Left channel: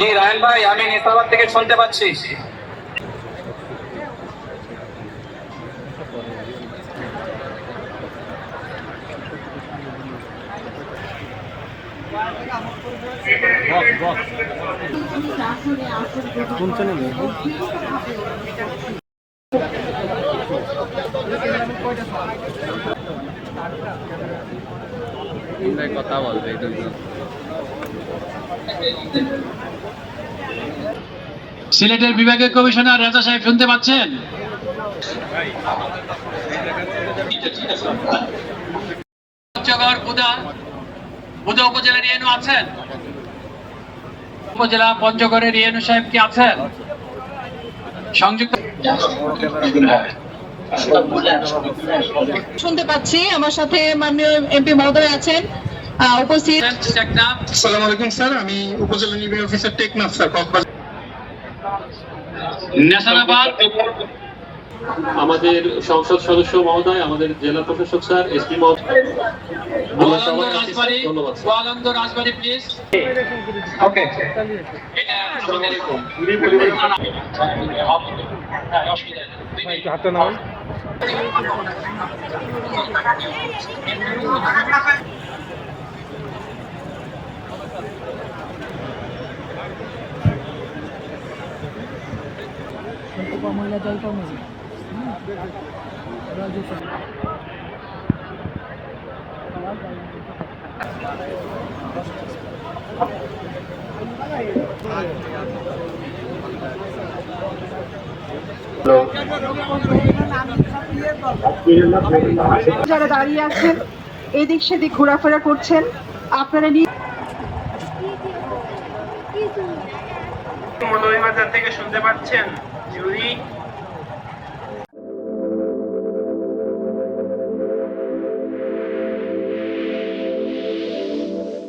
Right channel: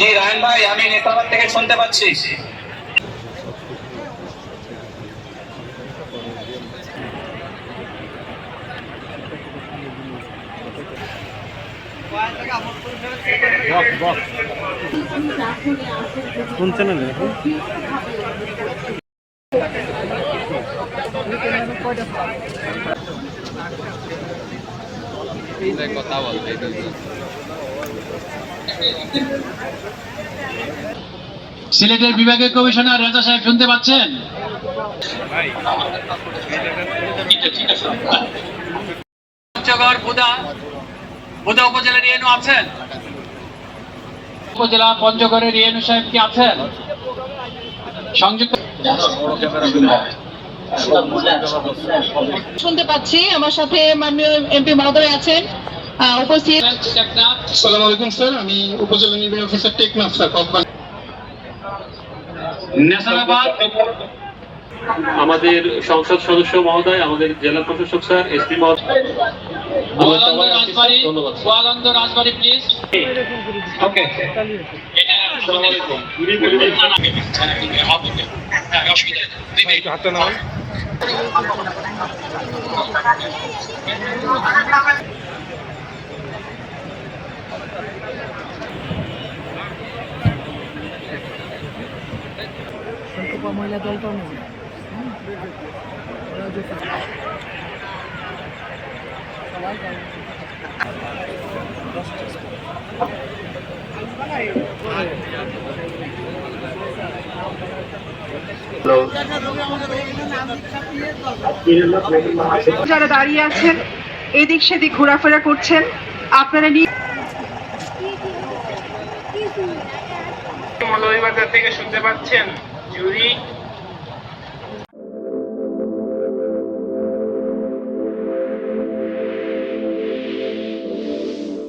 জি রায়ন ভাই, আমি নেতাবাদ থেকে শুনতে পাচ্ছি। কোন চ্যানেলে কথা বলতে সিলেটের বিভাগীয় কমিশনার রাজা সাহেব শুনতে পাচ্ছেন? পঞ্চগড় বুধা উপজেলার ইএনও আছেন? উপজেলা পঞ্চগড়ের ইএনও সাহেব কি আছেন? সংযুক্ত শুনতে পাচ্ছি। আমার সাথে মাননীয় এমপি মহোদয় আছেন উপস্থিত। আসসালামু আলাইকুম স্যার, আমি উপজেলা নির্বাহী অফিসার টেকনাফ স্যার। আমাদের সংসদ সদস্য মহোদয়, আমাদের জেলা প্রশাসক স্যার, এসপি মহোদয়, রাজবাড়ী প্লিজ। ওকে, মহিলা দলটাও নেই। যারা দাঁড়িয়ে আছেন এদিক সেদিক ঘোরাফেরা করছেন, আপনারা থেকে শুনতে পাচ্ছেন?